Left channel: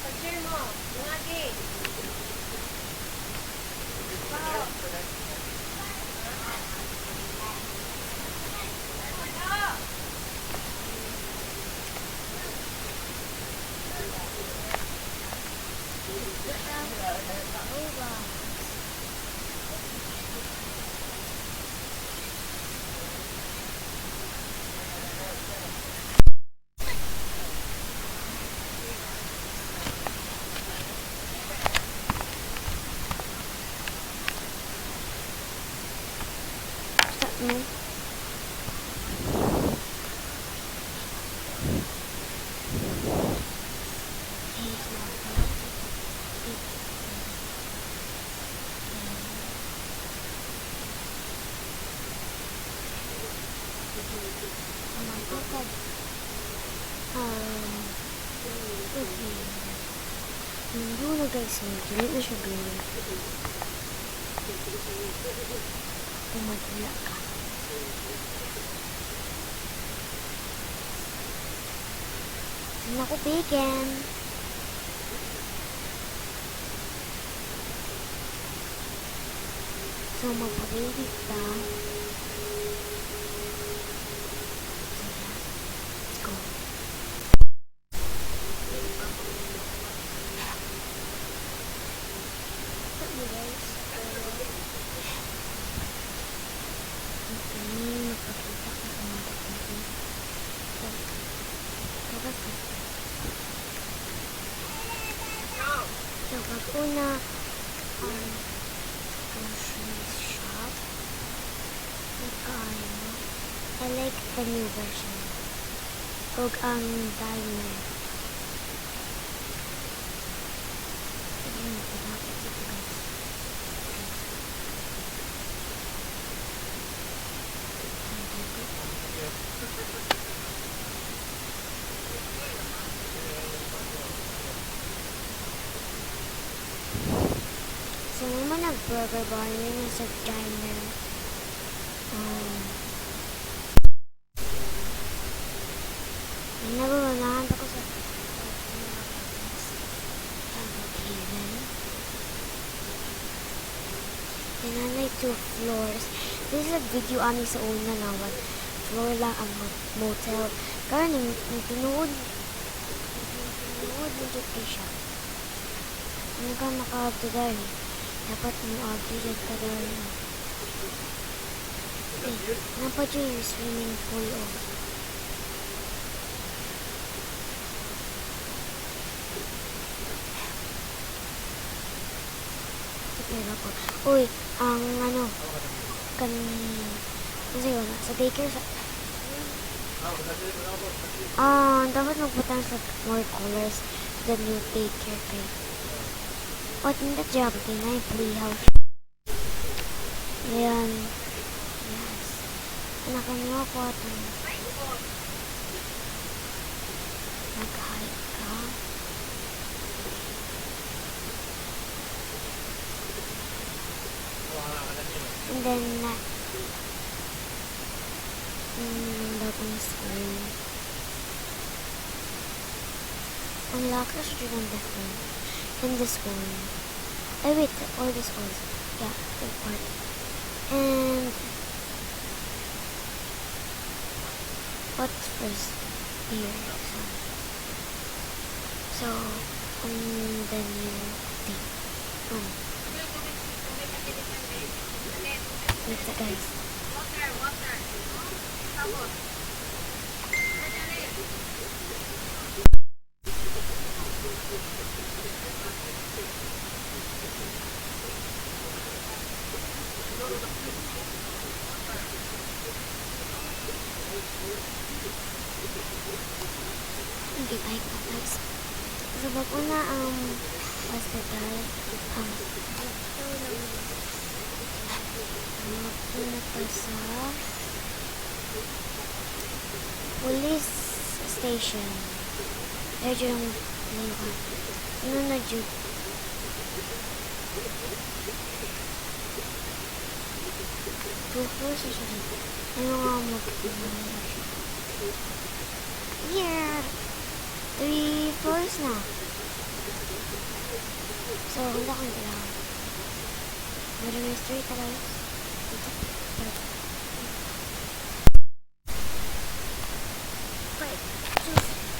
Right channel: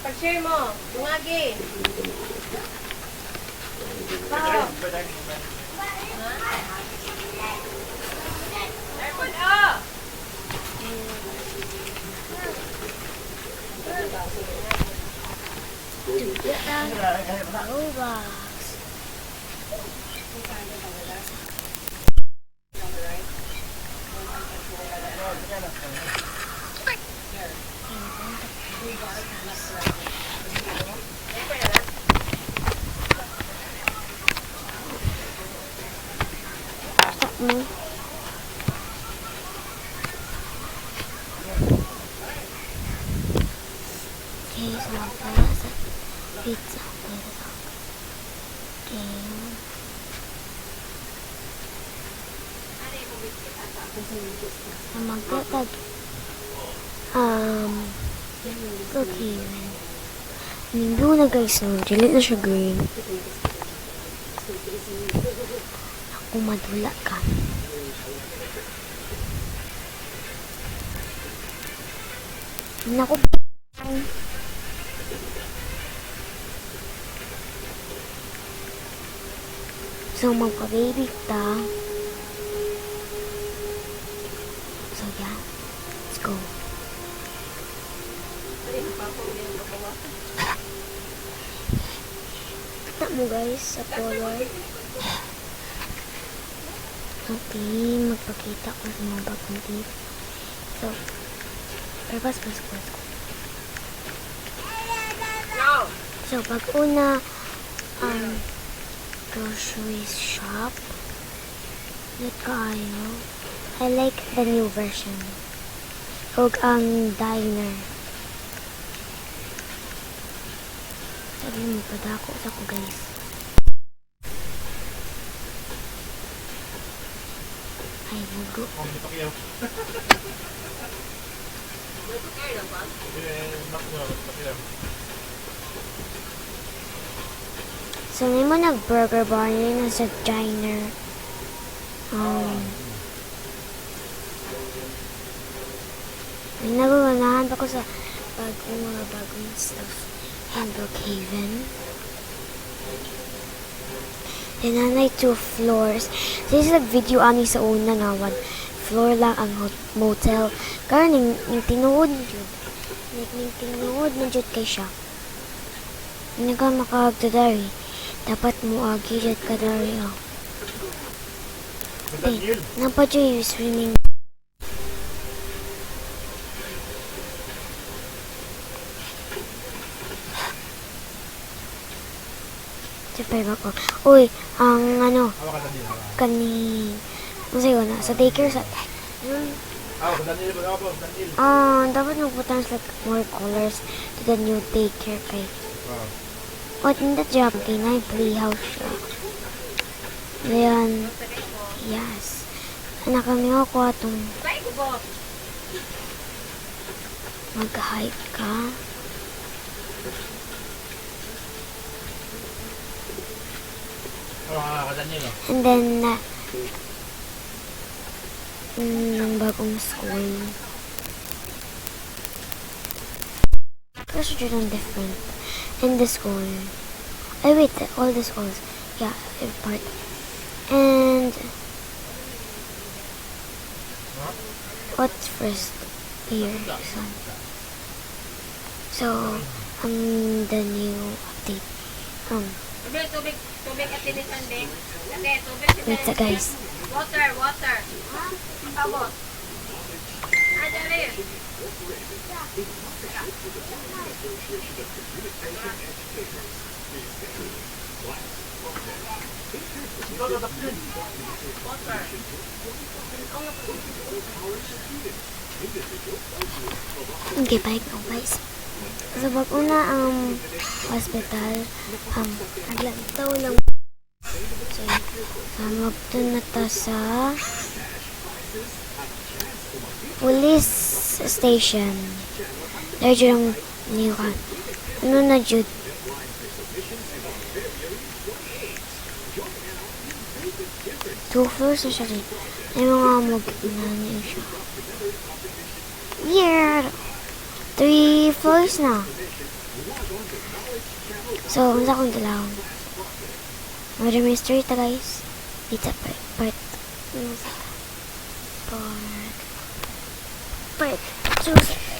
Pag-share mo. Bungagi. Pao. Airport, oh! Pizza. Magkakag okay Mindo na guys, no? Dili na siya green. Ako madula ka. Naku, bacon. So, magpa-baby ta. So, yeah. Let's go. Kita mo guys, sa color. Okay, magpakita ko sa mga bagong tape. So, labas. So, pag una, grocery shop. I like the new version. Huwag ang diner. Sabi mo, padako sa ko guys. Ay, bugo. So, may mo nag-burger bar yun sa diner. May naguganahan pa ko sa mga bagong stuff in Brookhaven. Then, nanay 2 floors. This is a video ani sa una na 1 floor lang ang motel. Karon yung tinuod na jud kay siya. Hindi ka makagdadari. Dapat mo agi jud ka dari. Okay, nampa dyan yung swimming pool. Siyempre ba ko? Uy, ang masaya ko na, sa daycare sa... dapat mag-translate more colors to the new daycare kay... What in the job kay na yung playhouse siya. Ayan. Yes. Anak kami ako atong mag-hike ka. And then, ng bagong school. Ang lakas dyan different in the school. Ay, wait, all the schools. Yeah, every part. And, what's first here? So, the new update. Wait guys. Water. Pabot. Adali. Okay, bike now guys. So, pag-una ang hospital, naglagtaw lang. So, magtun na ta sa police station. There yung niwan. Ano na jud? Two floors na siya rin. Ay mga mag-inaniyo siya. Weird! 3 floors na. So, unsa kong dalawon? Murder mystery ta guys. It's a part. Part. Part.